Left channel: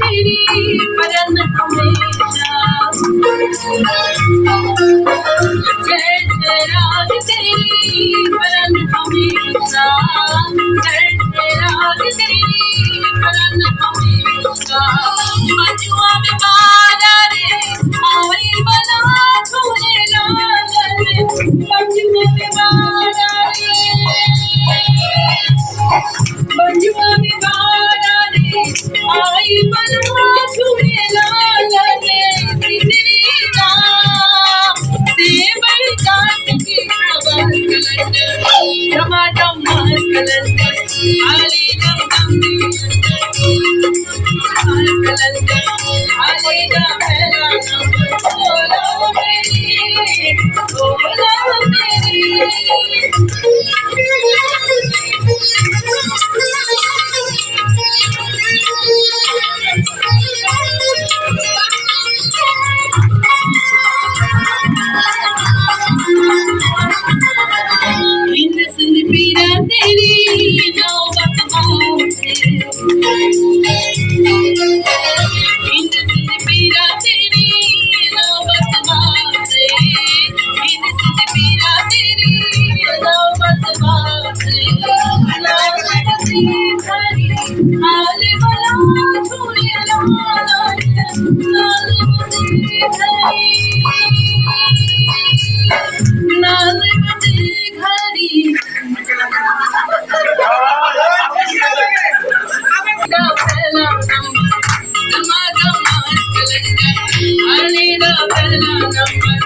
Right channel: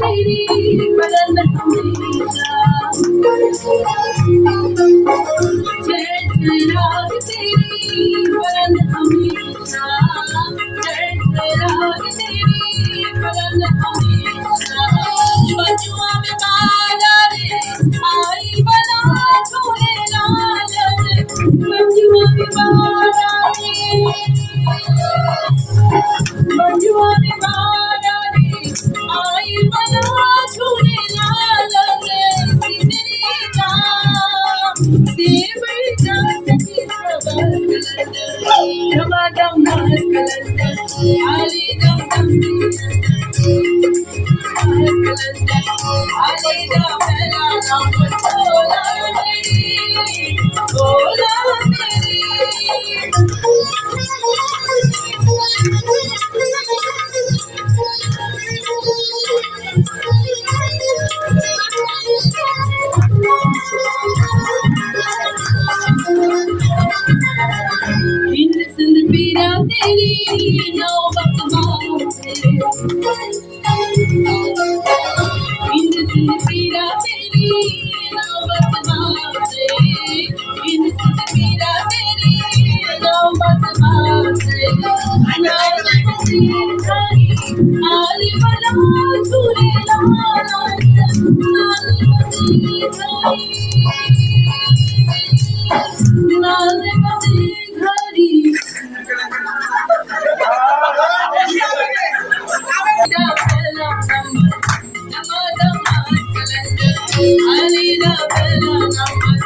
तेरी बरन हमेशा। जय जय राग तेरी बरन हमेशा। जय जय राग तेरी बरन हमेशा। बजुआ में बाला रे आई बना झूले लाल रे। बजुआ में बाला रे बजुआ में बाला रे आई बना झूले लाल रे। सिंदरी दाम से बड़ी जात की खबर टमाटम मस्त लंदन आली दम दम लंदन आली दा पहला नंबर बोला मेरी हिंद सिंध पीरा तेरी नौबत माँ से। हिंद सिंध पीरा तेरी नौबत माँ से। हिंद सिंध पीरा तेरी नौबत माँ से। नाज़-ए-बसी खरी हाल बला झूले लाला रे। नाज़-ए-बसी खरी नाज़-ए-बसी खरी दा पहला नंबर टमाटम मस्त लंदन आली दा पहला नंबर